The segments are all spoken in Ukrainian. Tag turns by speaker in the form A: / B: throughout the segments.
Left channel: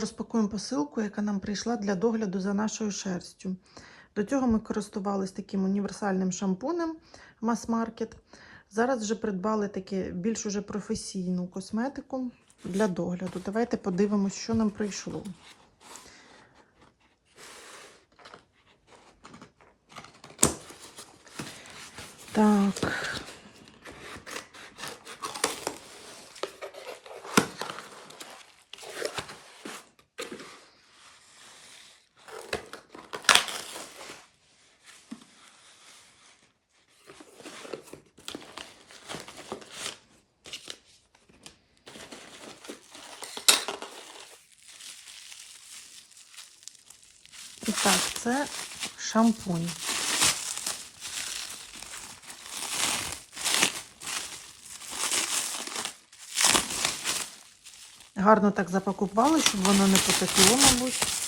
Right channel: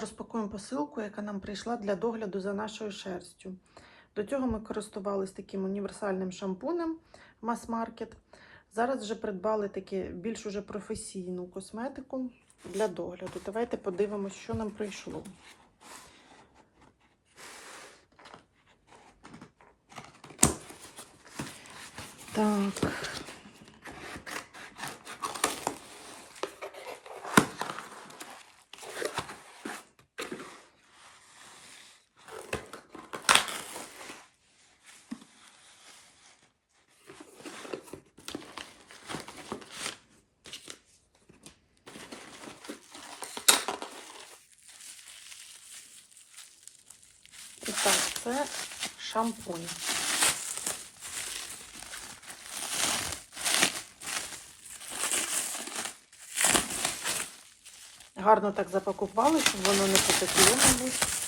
A: розпакуємо посилку, яка нам прийшла для догляду за нашою шерстю. До цього ми користувалися таким універсальним шампунем мас-маркет. Зараз вже придбали таке більш уже професійну косметику для догляду. Давайте подивимось, що нам прийшло. Так. І так, це шампунь. Гарно так запакували, воно не потекло, мабуть.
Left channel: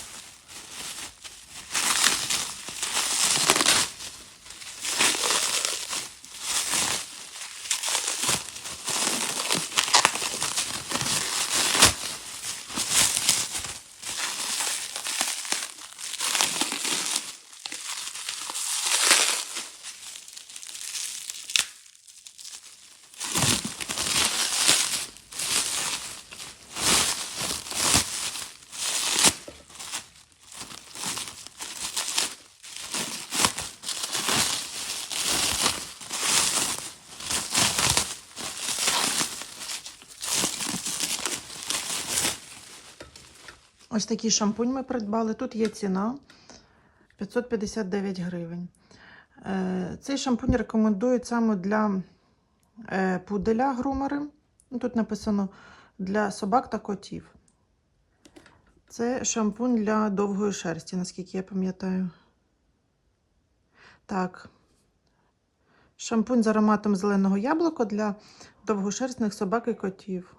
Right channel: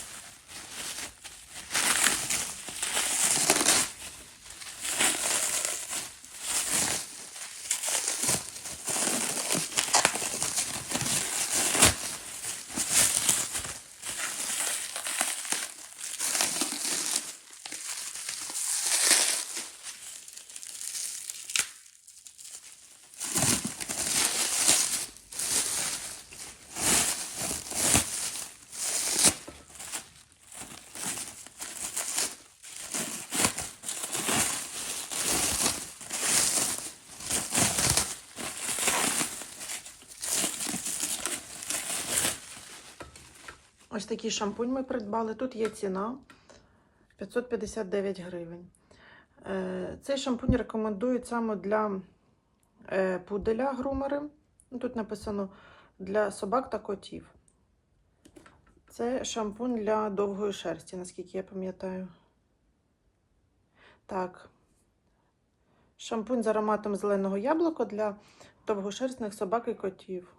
A: Ось такий шампунь ми придбали. Тут є ціна 559 гривень. Е, Цей шампунь рекомендують саме для е, пуделя грумери. Тут написано для собак та котів. Це шампунь для довгої шерсті, наскільки я пам'ятаю. Так. Шампунь з ароматом зеленого яблука для довгошерстних собак і котів.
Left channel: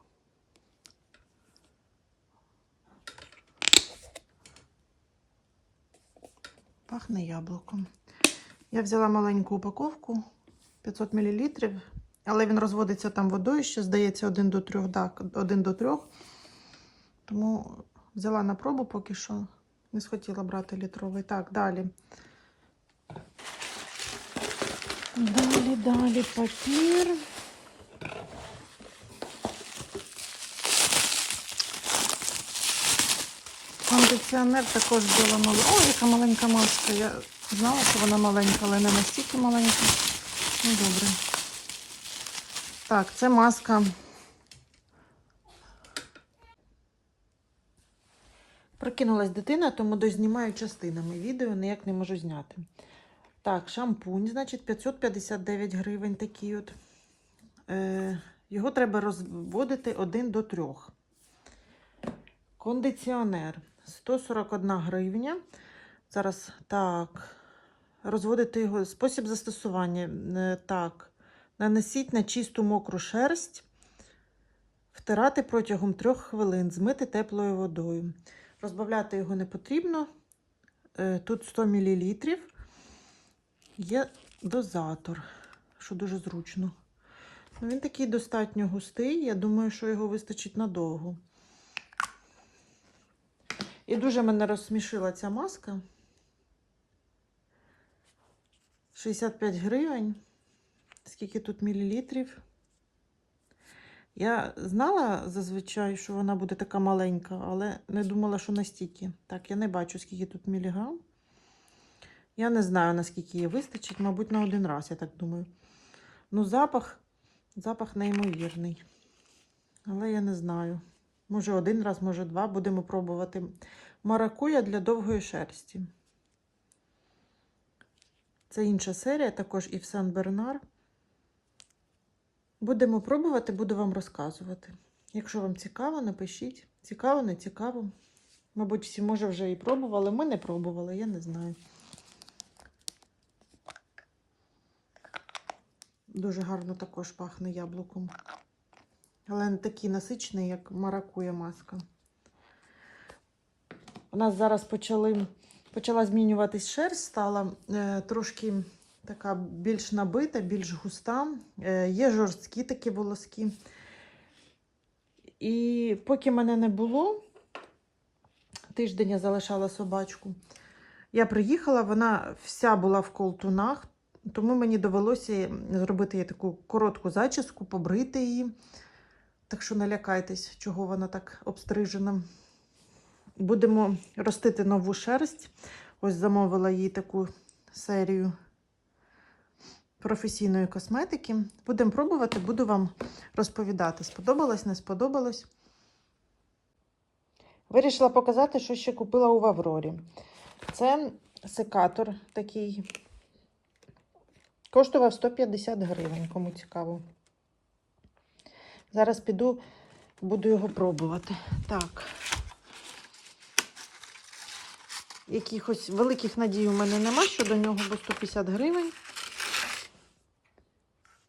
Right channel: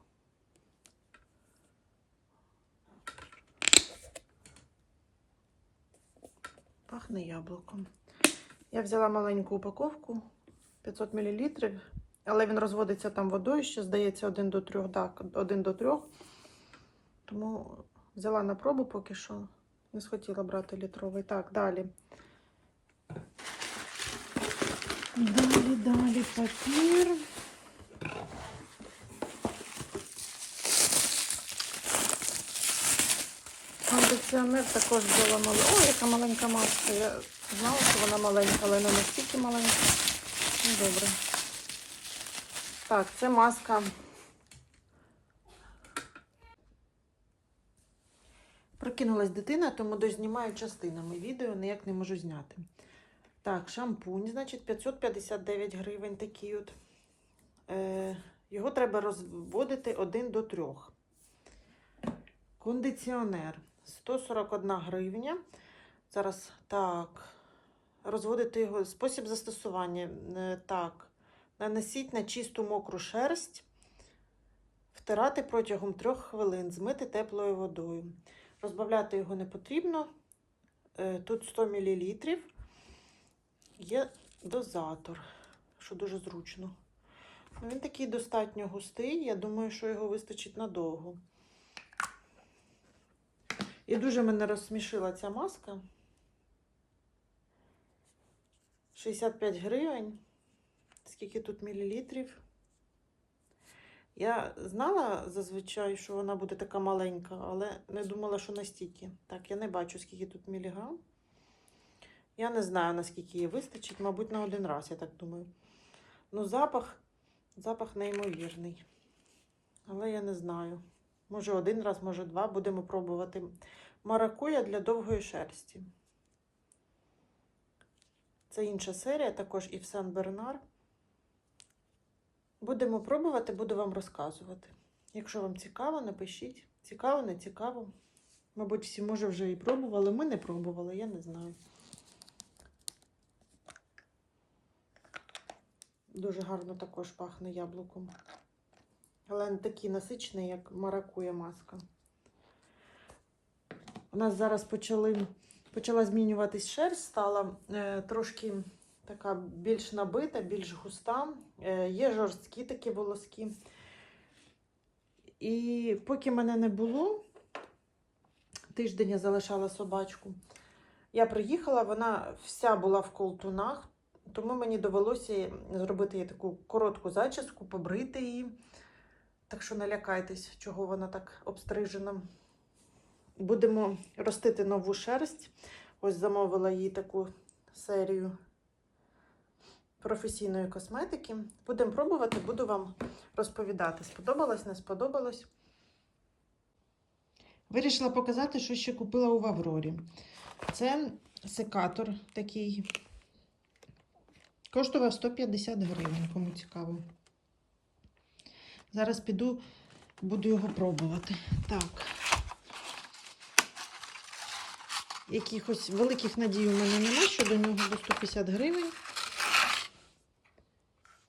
A: Пахне яблуком. Я взяла маленьку упаковку 500 мл, але він розводиться там водою, ще здається, 1 до 3, так, 1 до 3. Тому взяла на пробу поки що. Не схотіла брати літровий. Так, далі. Далі, далі папір. Кондиціонер також була маленька. Яка маленька маска. Я знала, що вона маленька, але не настільки маленька. Ну, добре. Так, це маска. Прокинулась дитина, тому дознімаю частинами відео, ніяк не можу зняти. Так, шампунь, значить, 559 гривень такий от. Е, його треба розводити 1 до 3. Кондиціонер 141 гривня. Зараз так. Розводити його. Спосіб застосування. Е, Так. Нанесіть на чисту мокру шерсть. Втирати протягом 3 хвилин, змити теплою водою. Розбавляти його не потрібно. Е, Тут 100 мл. Є дозатор, що дуже зручно. Він такий достатньо густий. Я думаю, що його вистачить надовго. І дуже мене розсмішила ця маска. 65 гривень. Скільки тут мілілітрів? Я знала зазвичай, що вона буде така маленька, але не думала, що настільки. Так, я не бачу, скільки тут міліграм. Я не знаю, наскільки її вистачить, мабуть, на один раз, я так думаю. Ну, запах, запах неймовірний. Але я не знаю. Може, один раз, може, два. Будемо пробувати. Маракуя для довгої шерсті. Це інша серія, також і в Сан Бернар. Будемо пробувати, буду вам розказувати. Якщо вам цікаво, напишіть. Цікаво, не цікаво. Мабуть, всі, може, вже і пробували. Ми не пробували, я не знаю. Дуже гарно також пахне яблуком. Але не такий насичений, як маракуя маска. У нас зараз почали, почала змінюватись шерсть, стала е, трошки така більш набита, більш густа. Е, є жорсткі такі волоски. І поки мене не було, тиждень я залишала собачку. Я приїхала, вона вся була в колтунах, тому мені довелося зробити їй таку коротку зачіску, побрити її. Так що не лякайтесь, чого вона так обстрижена. Будемо ростити нову шерсть. Ось замовила їй таку серію професійної косметики. Будемо пробувати, буду вам розповідати, сподобалось, не сподобалось. Вирішила показати, що ще купила у Аврорі. Це секатор такий. Коштував 150 гривень, кому цікаво. Зараз піду, буду його пробувати. Так. Якихось великих надій у мене нема щодо нього, бо 150 гривень.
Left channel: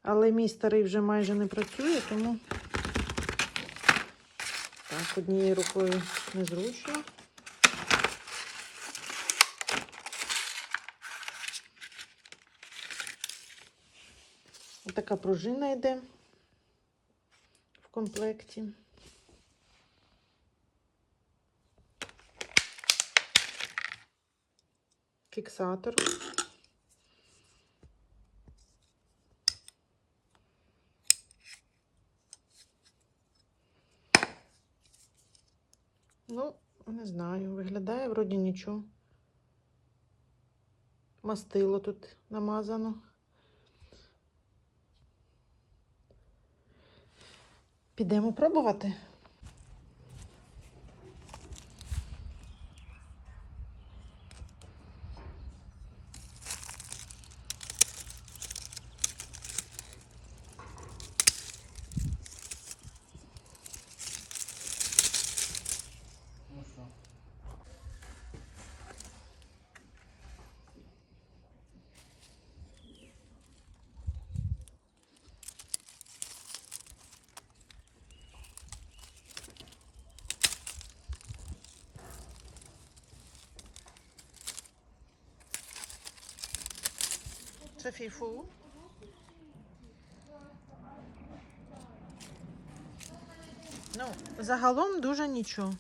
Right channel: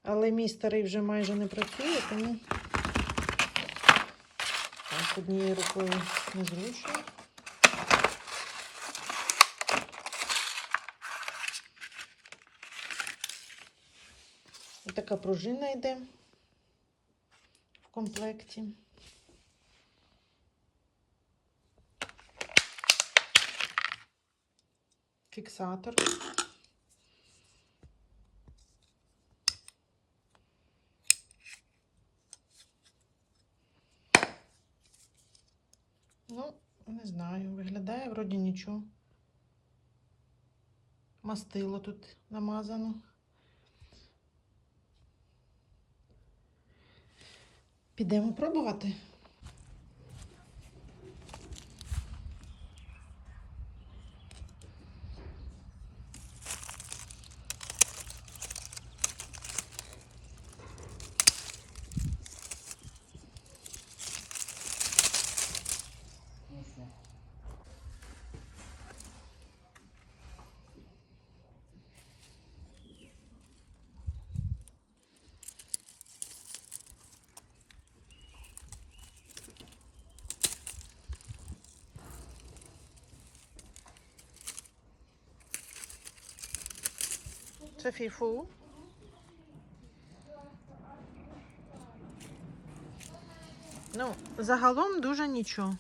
A: Але мій старий вже майже не працює, тому так, однією рукою не. Ось така пружина йде комплекті. Фіксатор. Ну, не знаю, виглядає вроді нічого. Мастило тут намазано. Підемо пробувати. Це фіфу. Ну, загалом дуже нічого.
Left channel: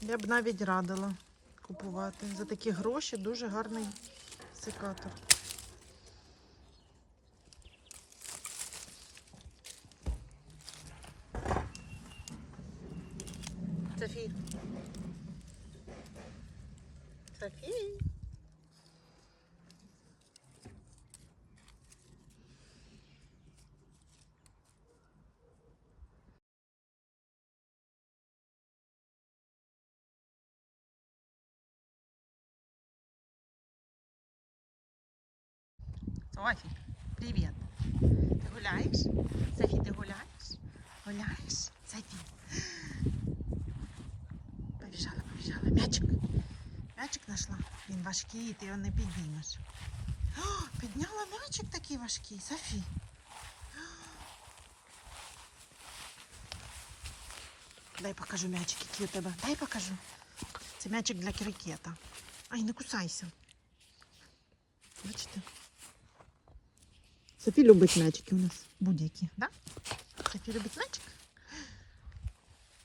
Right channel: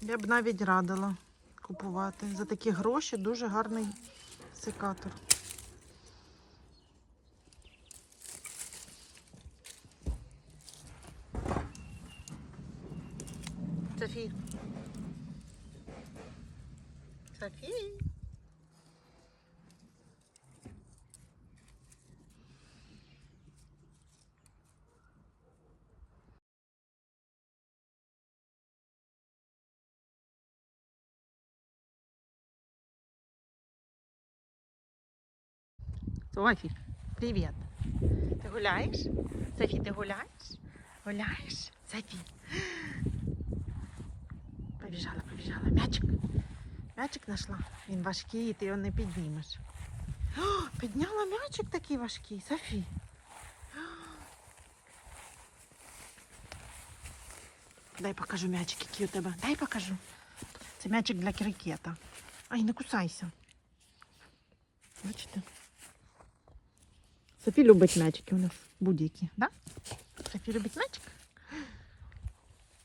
A: Я б навіть радила купувати. За такі гроші дуже гарний секатор. Софі. Софі. Софі, привіт. Ти гуляєш? Софі, ти гуляєш? Гуляєш? Софі. Побіжала, побіжала. Мячик. Мячик знайшла. Він важкий, і ти його не підіймеш. О, підняла мячик такий важкий, Софі. Дай покажу мячик, який у тебе. Дай покажу. Це мячик для крикета. Ай, не кусайся. Бачите? Софі любить м'ячики у нас будь-які, да? Софі любить м'ячик.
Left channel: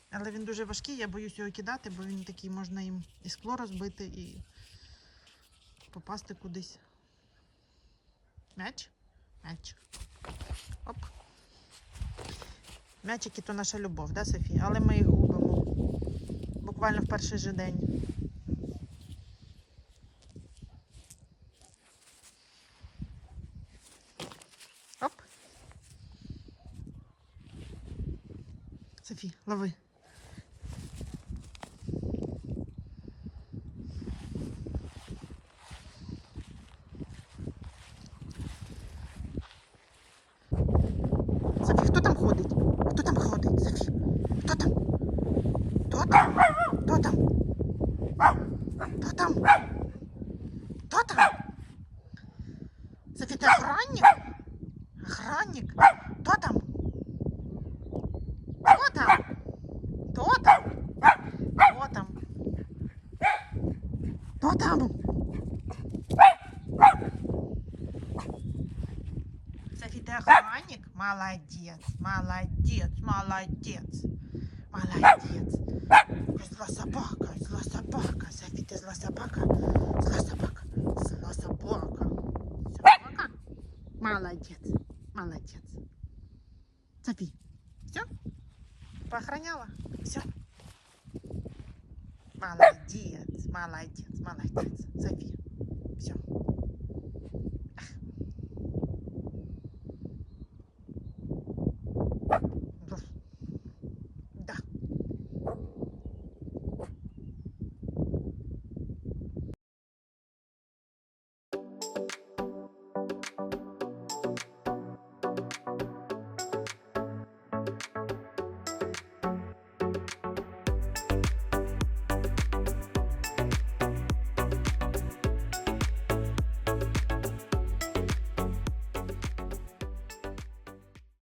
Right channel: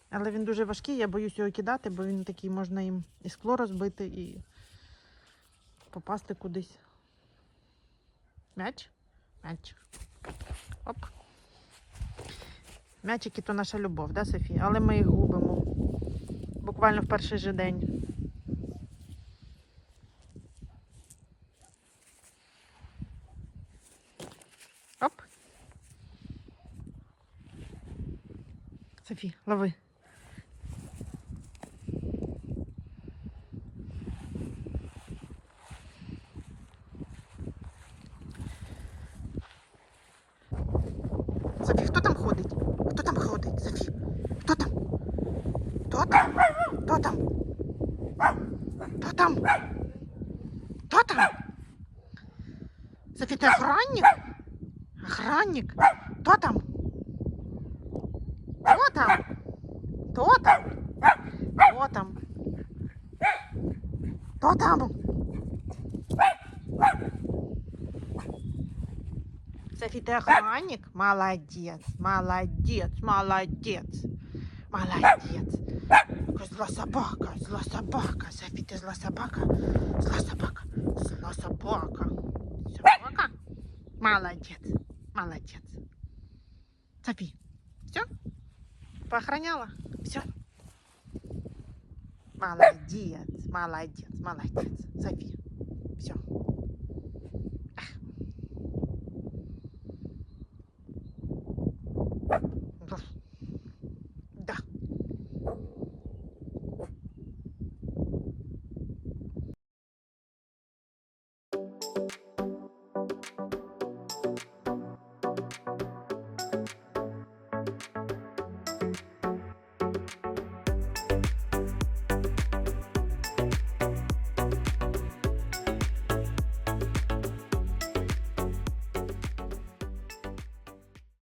A: Але він дуже важкий, я боюсь його кидати, бо він такий можна їм і скло розбити, і попасти кудись. М'яч? М'яч. Оп. М'ячики то наша любов, да, Софі? Але ми їх губимо. Буквально в перший же день. Софі, лови. Софі, хто там ходить? Хто там ходить, Софі? Хто там? Хто там? Хто там? Хто там? Хто там? Софі, ти охранник? Охранник? Хто там? Софи, ты охранник? Молодец, молодец, молодец, молодец. зла собака, зла собака. Софі, ти зла собака. Зла собака. Зла собака. Собака? Молодець. Молодець. Софі, все? Поохраняла? Все? Молодец, молодец, молодец. Софи,